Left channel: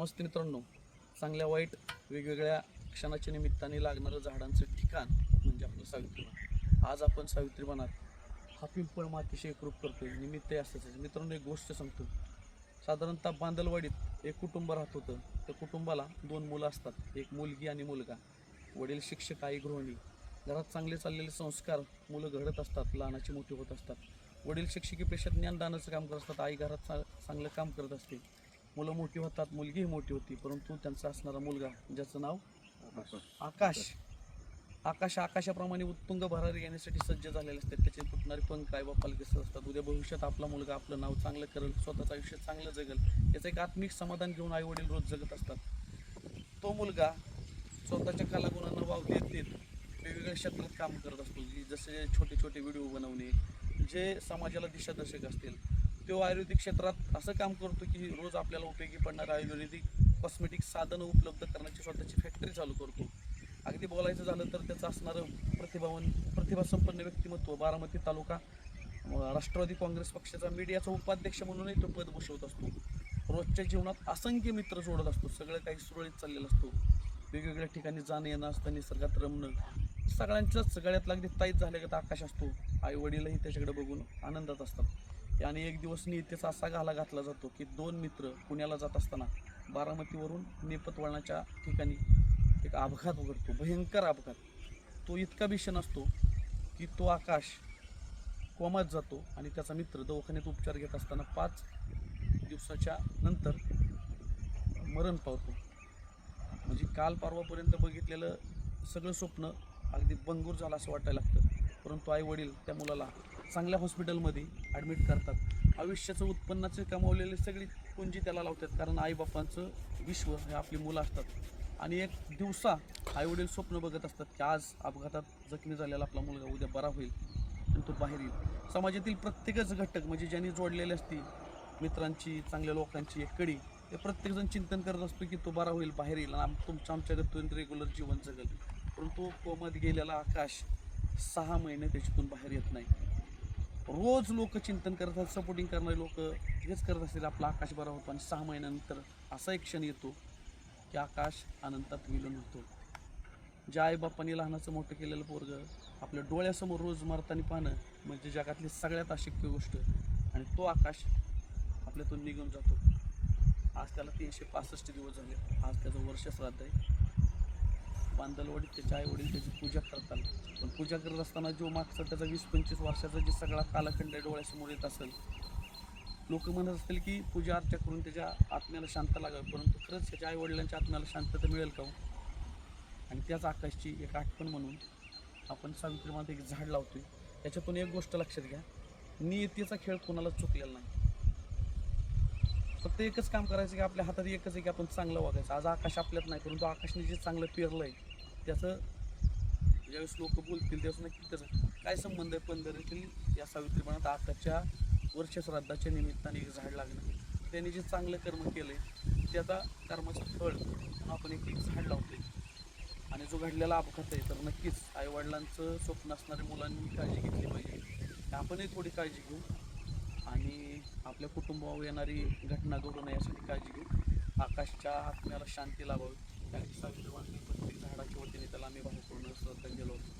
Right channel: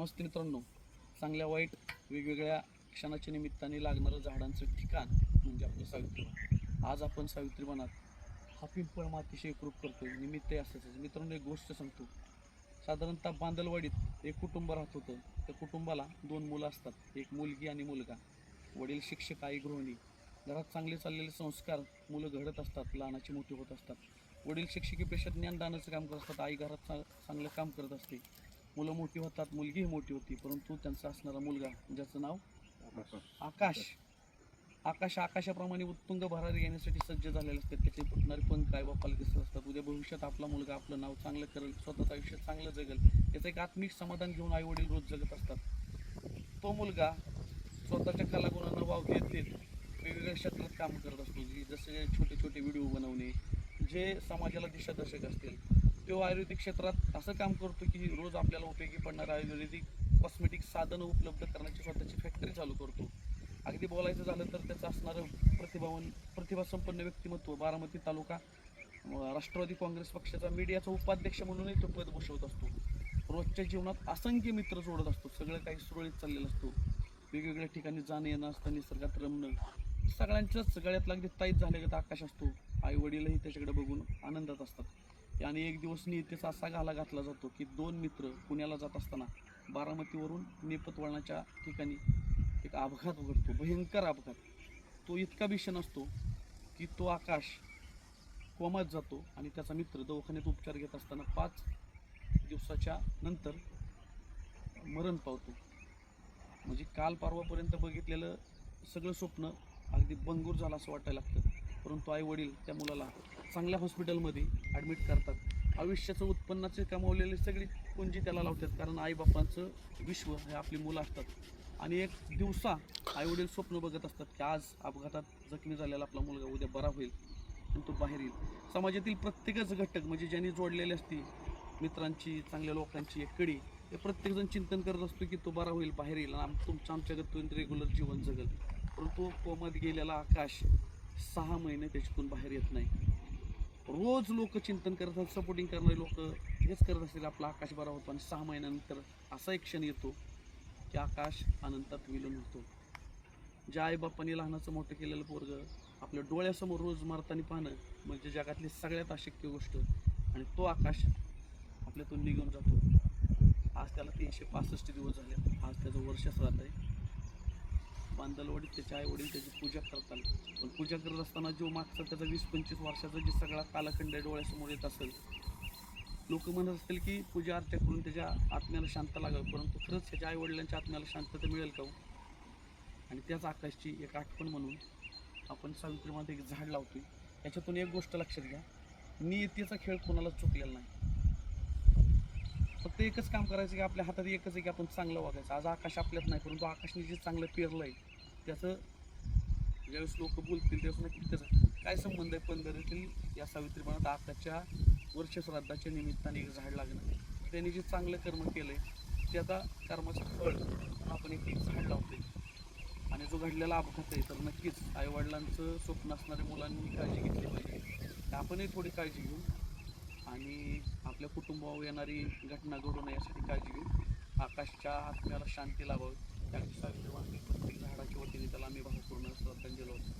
नमस्ते मित्रांनो. चांगल्या वाईट वेगवेगळ्या क्षणाच्या निमित्ताने लागणारं झाडांचं ठिकाण म्हणजे आपलं सावित्रीबन आज आपण सावित्रीबनात हा पिंपळ मातीशी एकरूप करतो निमित्त असंच. मित्रांनो एक गोष्ट सांगतो. साधारणतः बांदलवाडीत एक कुटुंब राहत होतं. त्या कुटुंबाला दोन मुलं असतात. एक मुलगी आणि मुलगा. वडील शिक्षक आई गृहिणी. घरात चांगले चाललेले संस्कार मुलं घडत असतात लहानाची मोठी होत असतात. वडील शिक्षकी पेशात ज्ञानदानाचं काम करत असतात. आई घरात चा चांगलं काम करत असते. मुलं मोठी होतात मुलगीही मोठी होती परंतु त्यांचा असणारा मुलगा ज्याचं नाव आकाश. आकाश. आकाशाप्रमाणे उत्तुंग भरारी येण्यासाठी सज्ज झालेले असतात. त्याचे फुटणारे पंख काय बापाला कसं असतात. उद्या भविष्यात आपला मुलगा आपलं नाव चांगलं करेल स्वतःचं आयुष्य चांगलं जगेल याचं एक आत्मिक समाधान घेऊन आई वडील रोज जगत असतात. तो मुलगा स्वतःच्या कलागुणांना वाव देत देत वेगवेगळ्या क्षेत्रात काम करत असतो. की जसे छोटे छोटे व्हिडिओ बनवणे जे समाजाला दिशादर्शक असतील तो आयुर्वेदिक क्षेत्रात असं काम करतो की रोज आपल्याला उपयोगी पडणारं आयुर्वेदिक कॉस्मेटिक साधनं उपलब्ध करण्याची स्वतःची फॅक्टरी चालू करतो. अगदी बोलायचं झालं तर त्याचं असणारं प्रतिभावन प्रतिभासंपन्न व्यक्तिमत्व बारामती तालुका राष्ट्रवादी काँग्रेस पक्षाचा मीडियाचा उपाध्यक्ष म्हणूनही तो पद भूषवत असतो. रोजच्या जीवनात असंख्य मित्र जोडत असतो. सगळं काही सुरळीत चाललेलं असतो. वेगवेगळ्या ठिकाणी जाणं येणं असतं निसर्गात रमणं. सगळ्यांच्याच सगळ्यात लागली ताईत झाले आकाश असतो. आई वडीलही त्याच्याकडे बघून आनंदात असतात. आणि एक दिवस नियतेचा असा घाला घातला जातो की दोन मित्र पुण्याला जात असताना बारामतीवरून नेपत वळणाच्या ठिकाणी एक अपघात उघडतो भयंकर अपघात. तो इतका भीषण असतो की तो आकाश कोमात जातो आणि त्याचा मित्र दवाखान्यात उपचार घेत असताना पाच दिवसाच्या नंतर मरण पावतो. म्हणजे काल परवापर्यंत बघितलेलं सगळं स्वप्न अगदी बंगूर झालं असं वाटायला लागतं. परंतु आई वडील त्या मुलाला चांगल्या हॉस्पिटलमध्ये ॲडमिट करतात. आयुष्याचं उत्पन्नाचे कमावलेले सगळी पुंजी त्याला लावतात कारण आईबापांचं विश्व हे आपली मुलं असतात. आणि एक दिवसा आईवडील स्वप्न बघत असतात की आज अपघातात जखमी झालेला आपला मुलगा उद्या बरा होईल आणि तो बाहेर येईल. समाजातील प्रत्येकच घटक म्हणजे ज्यांनी जोडलेली असती मित्रांची चांगल्या लोकांची एक कडी हे प्रत्येकजण चिंतन करत असतो की तो बरा होईल बाहेर येईल आणि आम तुमच्या आमच्याकडून रेग्युलर जीवन जगेल. परंतु कोमात गेलेला आकाश सहा महिने त्याच्यातून बाहेर येत नाही. रोज लोक चिंतन करत असतात सपोर्टिंग करणारे लोक हेच करत असतील आपला आकाश बरा होतो आणि सहा महिन्यानंतर असा एक क्षण येतो की आकाश अनंतात विलीन होतो. ज्या आईबापांनी लहानाचं मोठं केलेलं पोरग आपल्या डोळ्यासमोर रोज मारताना पाहणं म्हणजे जगातली सगळ्यात अशक्य गोष्ट. आणि तो आकाश आपल्यातून निघून जातो. आज त्याला तीनशे पासष्ट दिवस झाले. आज त्याचं वर्ष श्राद्ध आहे. बांदलवाडीत त्याचे आई वडील त्याची पूजा करतात. पण पूजा करत असताना जो मागचा त्याचा वीस पंचवीस वर्षाचा जे सगळा कालखंड आहे डोळ्यासमोर येत असेल लोक म्हणत असतील की पूजा अर्चा करून त्याच्या आत्म्याला शांत लागावं. परंतु खरंच त्याच्या आईवडिलांच्या आत्म्याला शांतता मिळेल का हो? आणि त्याच आकाशची एक आठवण म्हणून आपण सावित्रीमध्ये एक झाड लावतोय. याच्यातून एक गोष्ट लक्षात घ्या. नियतीचा खेळ कोणाला चुकलेला नाही. फक्त एकच काम करायचं की आपल्या हातात एकच आहे की आपण चांगलं वागायचं. आज आकाश आपल्यात नाही परंतु आकाशने जे चांगलं पेरलं आहे त्याचं ज्यावेळेस लोक बोलतील त्यावेळेस नक्की त्याचं काय संबंध आहे पंधरातील या सावित्रीपणात आकाशच्या वर्षश्राद्धाच्या निमित्ताने एक झाड लागणं त्यांनी जे चांगलं कर्म केलं आहे ते आता कर्माचं फळ आपण एक एक झाड लावतोय. आणि जो घडलेला अपघात आहे तर नक्कीच आईवडिलांचं स्वप्न असणाऱ्या मुलांनी काळजी घेतली पाहिजे. आपणही थोडी काळजी घेऊ. आणि आपल्या कुटुंबावर येणारी घटना घडू नये यासाठी काळजी घेऊ. आकाशच्या आत्म्याला शांती लावावी. त्यासाठी सावित्रीवाणी प्रत्येक झाडाच्या वतीने त्याला आम्ही भावपूर्ण श्रद्धांजली होतो